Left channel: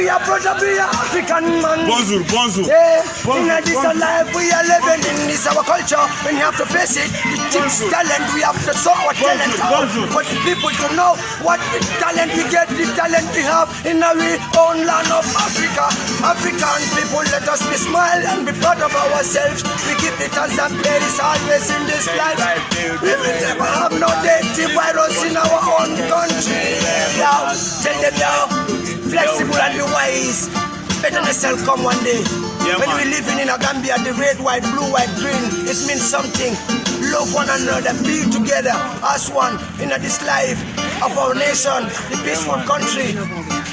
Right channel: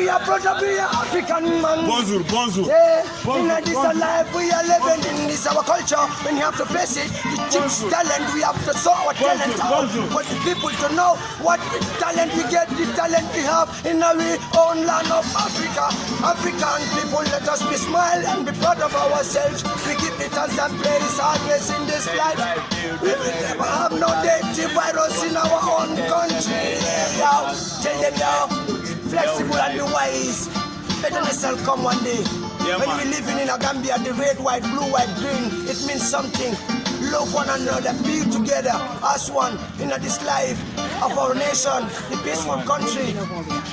we are brother, we are African man. Bonjour, bonjour. Yeah, in this life we are living in this our culture, and you have to face it. The chicks talent, we have to show our talent out. For the people to know what the talent we get, the talent we have in our own land of Africa. African people, let us be smile and be proud of ourselves. We give the thanks and praise always in this life. We will never have no dirty virus in our own country. Now, tell them now, flexible and be wise. Betterness will come one day. When we living in a Gambia, the red, white, blue, white, green, it means something. Love one another, be together as one in this life of our nation, the peaceful country.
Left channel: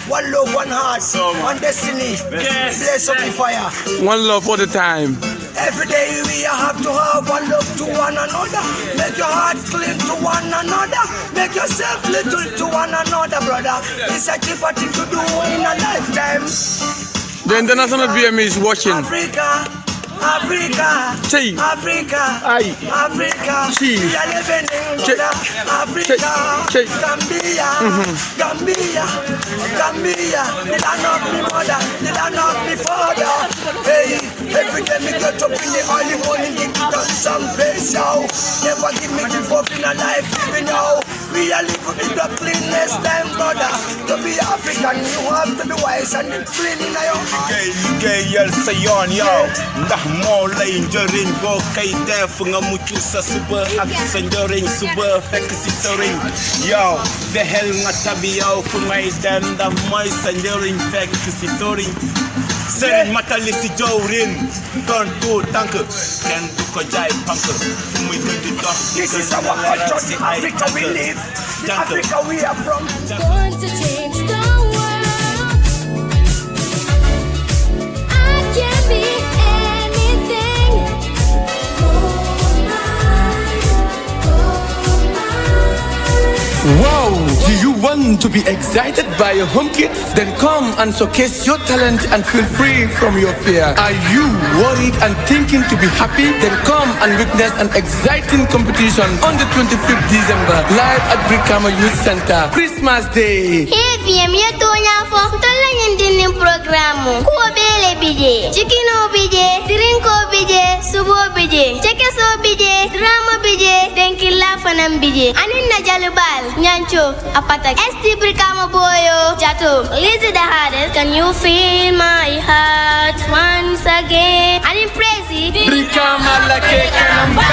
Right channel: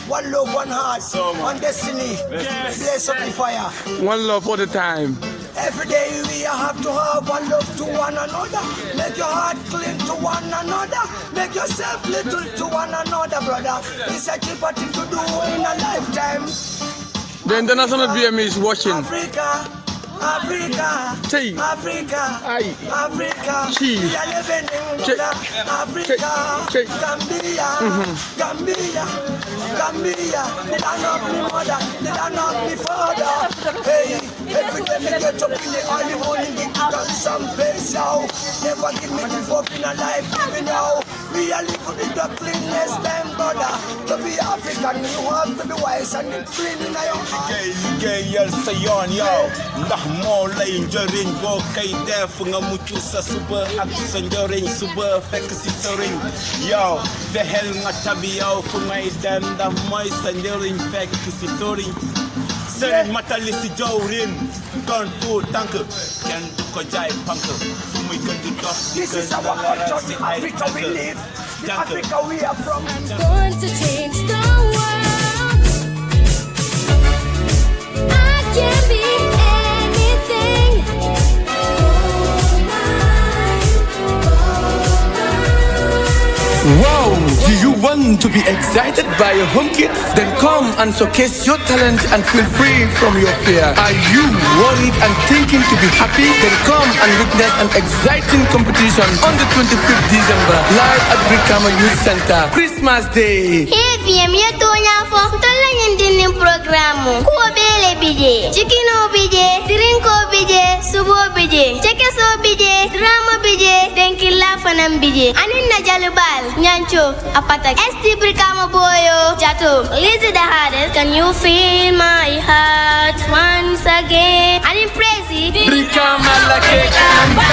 One love, one heart, one destiny. Blaze up the fire. One love all the time. Every day we have to have one love to one another. Make your heart clean to one another. Make yourself little to one another, brother. It's a cheaper thing to do in a lifetime. The international BME is watching. Africa, Africa, See. Africa, Aye. Africa, See. we are living in Africa, See. Gambia, Gambia, Gambia, the land of the mother, the land of the father. Hey, every day me get up in the early morning, give me some place out. Never give me the fuck in a life, living now. We are living in the cleanest time, brother. To be African, you have to be wise and clean in your heart. Liggéeyal sa yoon yow ndax moo lay njëriñ boo kay def nga mucc sa suba ak sa njëriñ suba fekk si sa riñ yow fexeel nga tabi yow fu may dem ndax mooy sa njëriñ fekk si soriñ sëriñ matali si jawrin doon tuut tànk kenn du ko jaay pank fu muy di dox This is our culture, the Africa we live, the Africa we are from. I'm going to change the world. I can be anything. Wow! Do you want to be excited by your home kids? Then come and showcase your talent and feel free from your fear. Are you worried and thinking to be happy? Then come and witness an exciting competition on the 25th December live at Brikama Youths Center. Christmas Day. Hey, VM, you tonya fo. Tola nyindini programu. Kuo bele bije. Chikino bije. Drinko bije. Subo bije. Chekeso bije. Drama bije. Denki lafanam bije. Anin na jalubal. Nyancho. Apata. ST Brikama boyo. Jato. Lizzie the hardest. Can you feel my heart once again? Anin praise it. Brikama lake kanamba.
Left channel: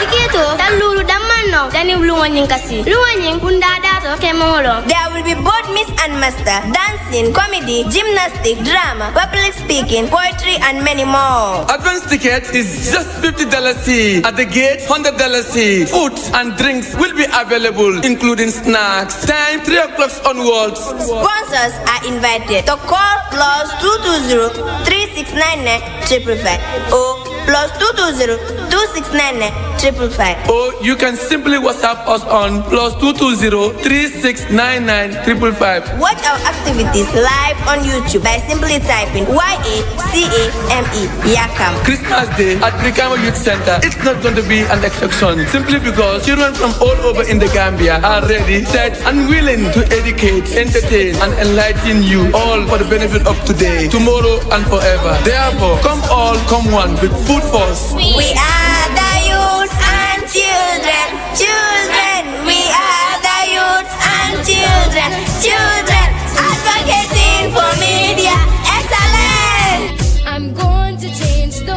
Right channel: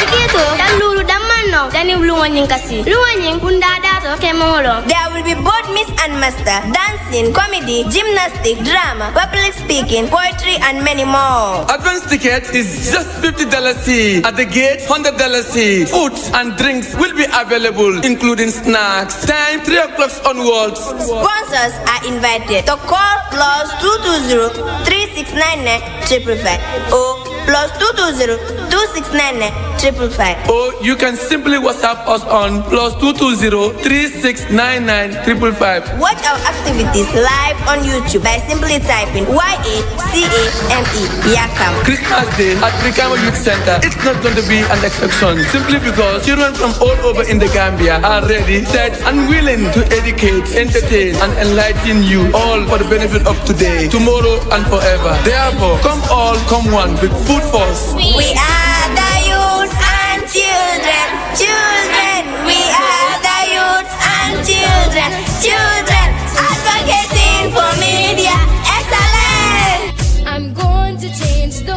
Chikito. Dalulu damano. Dani luwanying kasi. Luwanying kundada to kemolo. There will be both Miss and Master, dancing, comedy, gymnastics, drama, public speaking, poetry, and many more. Advance ticket is just $50 at the gate, $100. Food and drinks will be available, including snacks. Time 3 o'clock onwards. Sponsors are invited to call +220 3699 555 or +220 2699 555. Or you can simply WhatsApp us on +220 3699 555. Watch our activities live on YouTube by simply typing YACAME Yakam. Christmas Day at Brikama Youth Center. It's not going to be an exception simply because children from all over in the Gambia are ready, set, and willing to educate, entertain, and enlighten you all for the benefit of today, tomorrow, and forever. Therefore, come all, come one with food force. We are the youths and children, children. We are the youths and children, children. Advocating for media excellence. I'm going to change the